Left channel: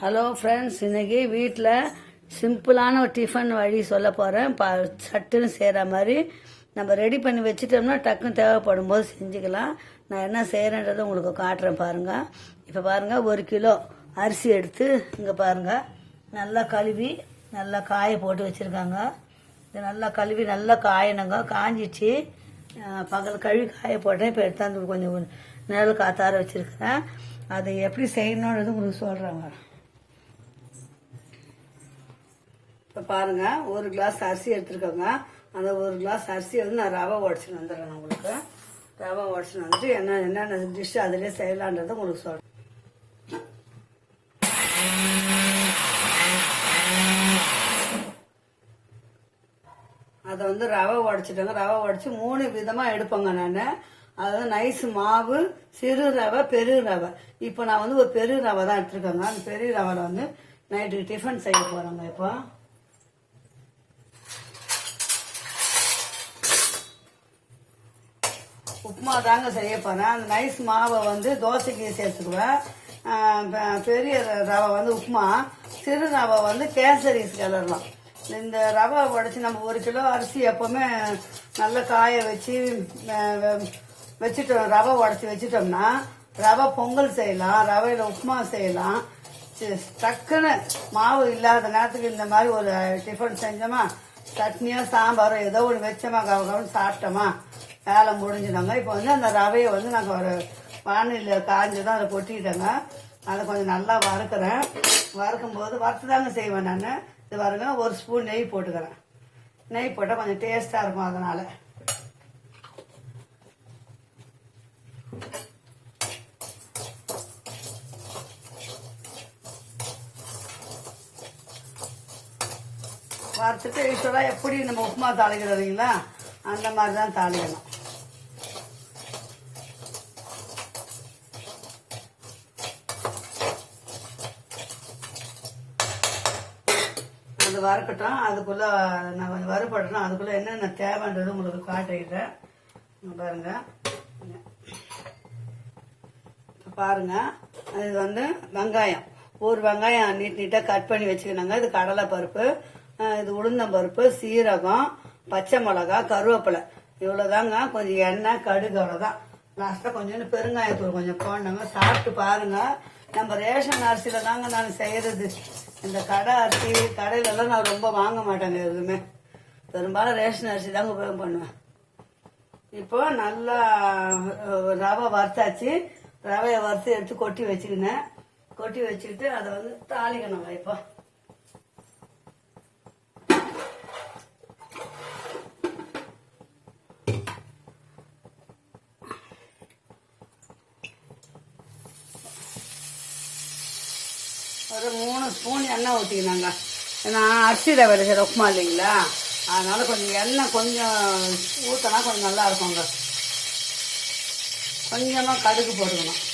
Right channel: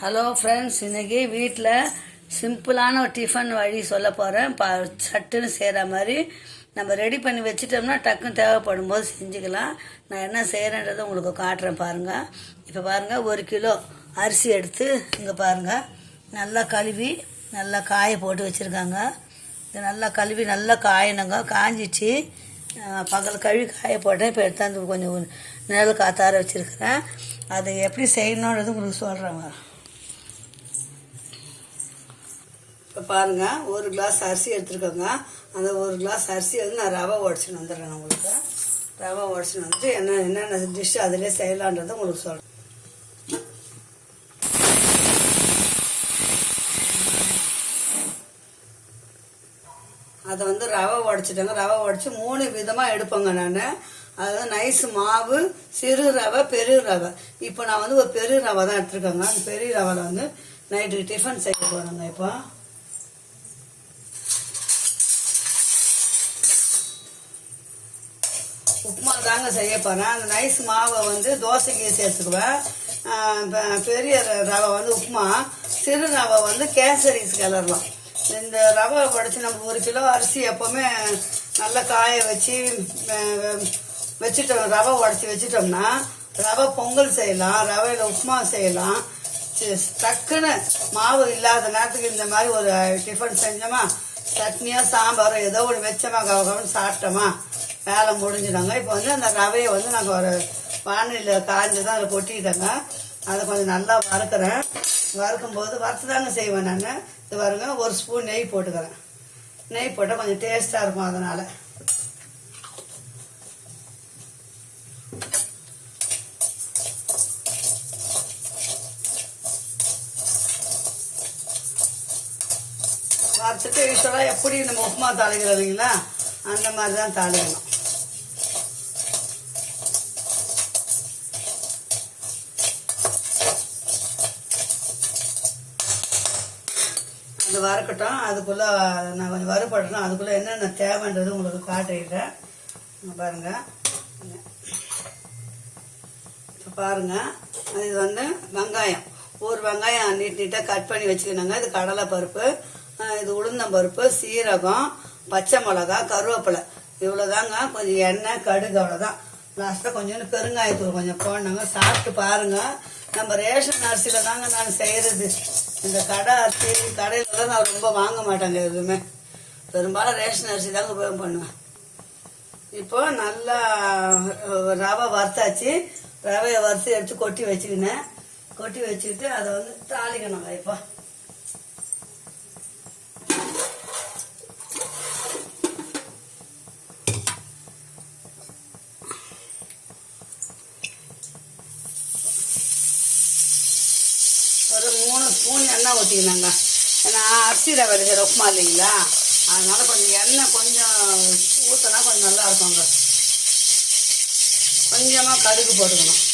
Hello friends, இன்றைக்கி வீட்டில் சிம்பிளான ஒரு டிஃபன் வழி சொல்ல போகிறேன். சட்டுன்னு செய்கிற மாதிரி நம்ம ரெடி பண்ணி வச்சுட்டோம்னா டக்குன்னு தேவைப்படும் போது செஞ்சுக்கலாம். நான் என்ன செய்கிறேன்றதை உங்களுக்கு காட்டுறேன் பாருங்கள். இப்போ பாருங்கள், 1 கிலோ அரிசி எடுத்து இங்கே பாருங்கள் நல்லா கழுவி நல்லா காய போட்டு வச்சுருக்காங்க. இது நல்லா கழுவி நல்லா காயணுங்க. காஞ்சிச்சு, பகல் கழுவி காய போட்டேன். இப்போ எடுத்தாந்து கொஞ்சம் நிழல் காத்தார வச்சுருக்கிறேன். அதை எப்படி செய்யணுன்றது உங்களுக்கு சொல்கிறேங்க. இப்போ பாருங்கள், 1 கிளாஸ் அரிசி எடுத்துருக்கோங்க. அந்த 1 கிளாஸ் அரிசி வந்து நான் ரவை உடச்சின்னு வந்துடுறேன். உங்களுக்கு ரவை உடச்சின்னு வந்துட்டு என்னென்ன டிஷ் அதிலே செய்யலான்றதை உங்களுக்கு சொல்கிறேன். அதை வந்து ரவை உடச்சிட்டேங்க. ரவை உடச்சி 3 விதமாக எடுப்பேங்க நான். அதாவது நைஸ் மாவு, சிறு ரவை, பெரு ரவை. இப்போ நான் வந்து ஒரு பெரு ரவை தான் எடுத்துருக்கேங்க. அந்த பெரிய ரவையில் வந்து நைட்டுக்கு டிஃபன் செய்ய போகிறேங்க. இப்போ உப்புமா தாங்க செய்ய போகிறேன். அந்த நைஸ் மாவை வந்து தோசைக்கு சேர்த்துக்குவேன். பெரிய ரவை வந்து உப்புமா, சிறு ரவை வந்து கேசரிஸ் கிளறலாம். இந்த ரவை உடச்சி நம்ம 1 கிலோ அரிசி எப்போவுமே நல்லா காய வச்சு வச்சுட்டோம். ரவை உடச்சி வச்சுட்டோம்னா ரவை பொங்கல் செய்யலாம், ரவையில் உப்புமா செய்யலாம். டக்குன்னு மாவு இல்லாத நேரத்துக்கு இந்த மாதிரி ஒரு டிஃபன் செஞ்சோமா, சட்னியோ சாம்பாரோ ஏதோ ஒன்று வச்சோமா, கவனம் சாப்பிட்டோமா, வேலை முடிஞ்சிடுங்க. இப்போ வந்து அந்த ரவையை வந்து நாங்கள் ஒரு வானிலையில் காய்ஞ்சதான் அதை கொட்டிக்கிட்டோங்க. அதை கொஞ்சம் நல்லா வறுக்கிறேன். வறுக்கும்போது வறுத்து தாங்க செய்வேன் நான். இது பாருங்க, 1 ஸ்பூன் நெய் போட்டுக்கிறேன். நெய் போட்டால் கொஞ்சம் டேஸ்ட்டாக இருக்கும். அதனால் வறுத்துட்டு யூஸ்வலாக எப்படி நம்ம உப்புமா தாளிக்கிறோம் இல்லைங்களா, அந்த மாதிரி தான் தாளிக்கணும். அது வறுக்கட்டும். அதுக்குள்ளே நான் கொஞ்சம் வறுபடணும். அதுக்குள்ளே என்னென்ன தேவைன்றது உங்களுக்கு காட்டிடுறேன். பாருங்கள், இப்போ பாருங்கள், இது வந்து வெங்காயம், ஒரு வெங்காயம் நீட்டாக கட் பண்ணி வச்சுக்கணுங்க. இது கடலை பருப்பு, இது உளுந்தம்பருப்பு, சீரகம், பச்சை மிளகா, கருவேப்பிலை, இவ்வளோதாங்க. கொஞ்சம் எண்ணெய், கடுகு, அவ்வளோதான். லாஸ்ட்டாக கொஞ்சோண்டு பெருங்காயத்தூள் கொஞ்சம் போடணுங்க. சாப்பிட்டு பாருங்கள். நம்ம ரேஷன் அரிசியில் தாங்க நான் செய்கிறது. இந்த கடை அரிசி கடையிலலாம் நான் ரொம்ப வாங்க மாட்டேங்க. எதுவுமே பெரும்பாலும் ரேஷன் அரிசி தாங்க உபயோகம் பண்ணுவேன். இப்போ நல்லா ரவை வறுத்தாச்சு. ரவையை வறுத்து எடுத்து கொட்டி வச்சுக்கினேன். கொட்டி வச்சுக்கிட்டு அதை வந்து தாளிக்கணுங்க. இப்போ ஒரு 3 ஸ்பூன் எண்ணெய் ஊற்றிக்கினாங்க. ஏன்னா அரிசி ரவை செய்கிற உப்புமா இல்லைங்களா, அதனால் கொஞ்சம் எண்ணெய் கொஞ்சம் ஊற்றினா கொஞ்சம் நல்லா இருக்குங்க. கொஞ்சமாக கடுகு போட்டுக்கணும்.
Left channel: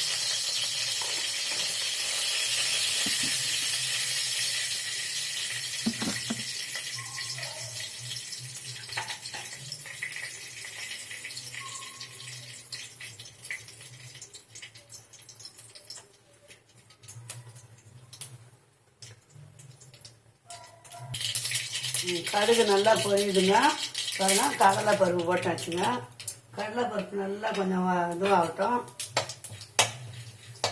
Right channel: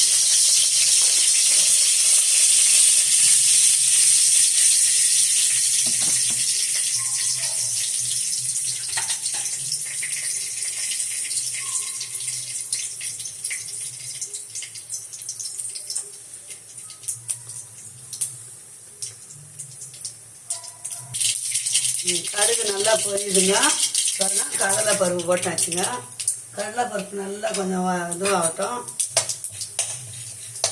கடுகு நல்லா பொரியுதுங்க. பாருங்க, கடலை பருப்பு போட்டாச்சுங்க. கடலை பருப்பு நல்லா கொஞ்சம் இதுவாகட்டும்.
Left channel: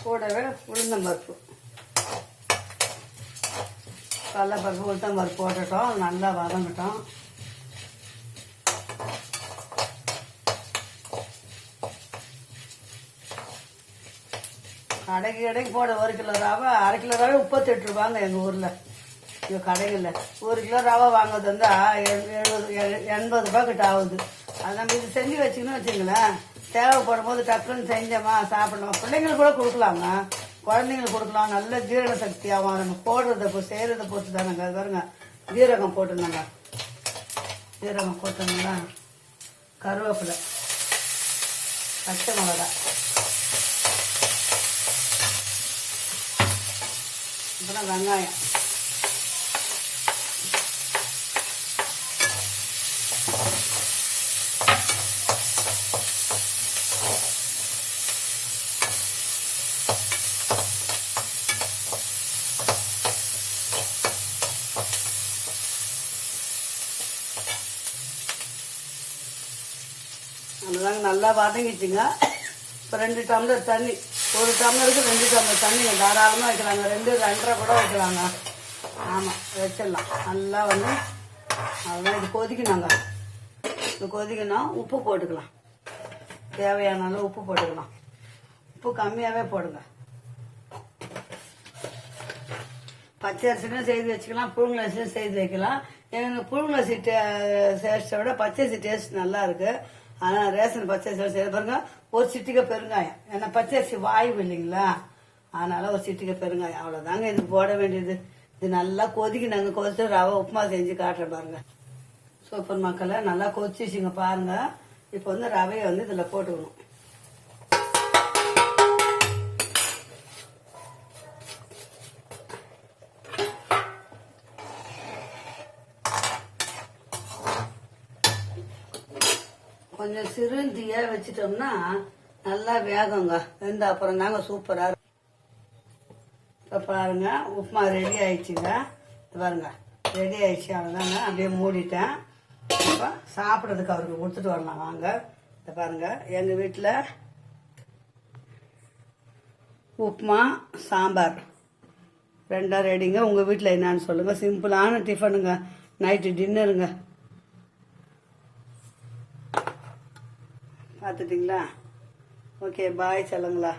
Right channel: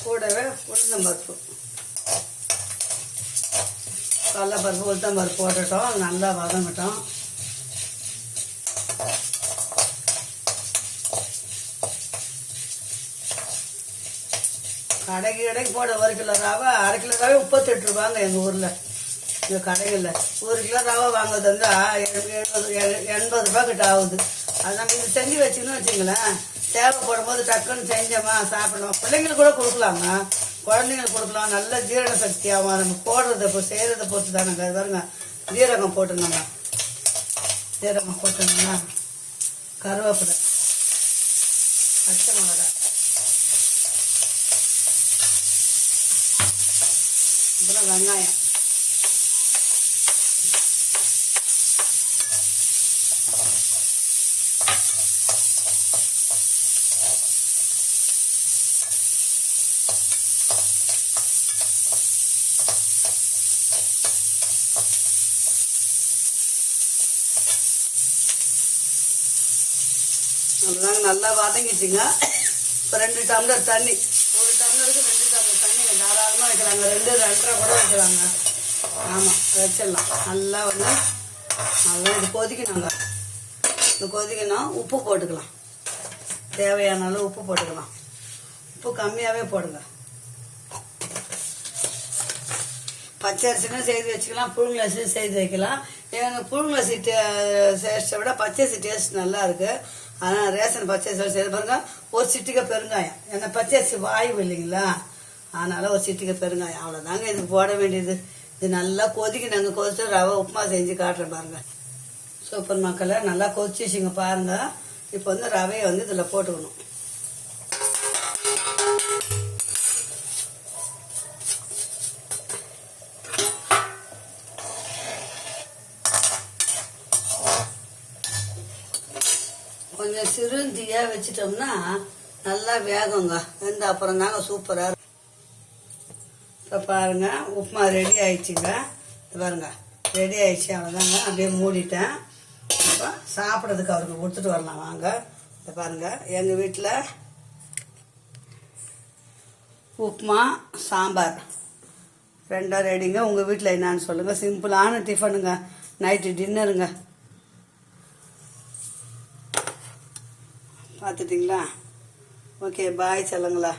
கூடவே உளுந்தம்பருப்பு, கடலை பருப்பு, உளுத்தம்பருப்பு போட்டுட்டோம். நல்லா வதங்கட்டும். கடைக்கு போட 1 கிலோ ரவை, 1/2 கிலோ ரவை 38 ரூபாங்க எங்கள் ஊரில். இந்த கடைகளில் 1 கிலோ ரவை வாங்குறது இருந்தால் 80 ரூபா கிட்ட ஆகுது. அது நம்ம இது செஞ்சு வச்சுக்கணும் வச்சுங்களேன். தேவைப்படும் போது டக்குன்னு செஞ்சோமா சாப்பிடணும். பிள்ளைங்களுக்கு கூட கொடுக்கலாங்க, குழந்தைங்களுக்கு கொடுக்கலாம். நல்ல ஜீரண சக்தியாகும். நம்ம போடுறத செய்கிறத பொறுத்து தானங்க. அது பாருங்க, ஜீரகம் போட்டுருந்தாங்க. ஜீரகம் போட்டோம்னா கருவேப்பிலை, பச்சை மிளகா, அப்புறம் வெங்காயம், அவ்வளோதாங்க, நல்லா வதங்கிச்சுங்க. இப்போ 2 டம்ளர் தண்ணி, 1 டம்ளருக்கு 2 டம்ளர் தண்ணிங்க தாராளமாக வைக்கலாங்க. 2 2.5 கூட வைக்கலாங்க. ஆமாம், வச்சிடலாம். நல்லா வந்து நல்லா இது கொதிக்கணுங்க. இது கொதிக்கணும். உப்பு போட்டுக்கலாம், தேவையான அளவு உப்பு போட்டுக்கலாம். உப்பு கம்மியாகவே போடுங்க. பச்சை அரிசியும் செய்து வச்சுக்கலாம், புழுங்கல் அரிசியும் செய்து வைக்கலாம். எனக்கு புழுங்கல் அரிசி டேஸ்ட்டை விட பச்சை அரிசி டேஸ்ட் நல்லா இருக்குது. ஆனால் ரேஷன் பச்சை அரிசி செய்து பாருங்க. ஒரு சிட்டிகை பெருங்காயம், ஏன்னா பச்சை அரிசி வாயு இல்லைங்களா, அதனால் ஒரு சிட்டிகை பெருங்காயம், அவ்வளோதாங்க இதுக்கு போட வேண்டியது. இது நல்லா கொதிக்கணுங்க. கொதிச்சு ரவை உப்புமா செஞ்சு காட்டுறேன் பாருங்கள். சூப்பர் மக்களை, நல்லா கொதிச்சிச்சுங்க பாருங்கள். இப்போ வந்து ரவையை வந்து இதில் போட்டுக்கணும். கொஞ்சம் சிறுந்தியாக வச்சிட்டோம்னா நல்லா வேகுங்க. வெந்த அப்புறம் தாங்க சூப்பராக இருக்கும். இப்போ பாருங்கள், உப்புமா ரெடி ஆயிடுச்சுங்க. பாருங்க, ரெடி ஆயிடுச்சு. அவ்வளோதாங்க, அப்படியே மூடிட்டேன். இப்போ சாப்பிட்றதுக்கு அவருக்கு கொடுத்துட்டு வரலாம் வாங்க. இதை பாருங்கள், எங்கள் வீட்டில் உப்புமா சாம்பார் 2 ரெடிங்க. உங்கள் வீட்டில் என்னான்னு சொல்லுங்கள். சிம்பிளான டிஃபனுங்க, நைட்டு டின்னருங்க. பார்த்துட்டிங்களா? ஓகே, பாய் சொல்லுங்களா.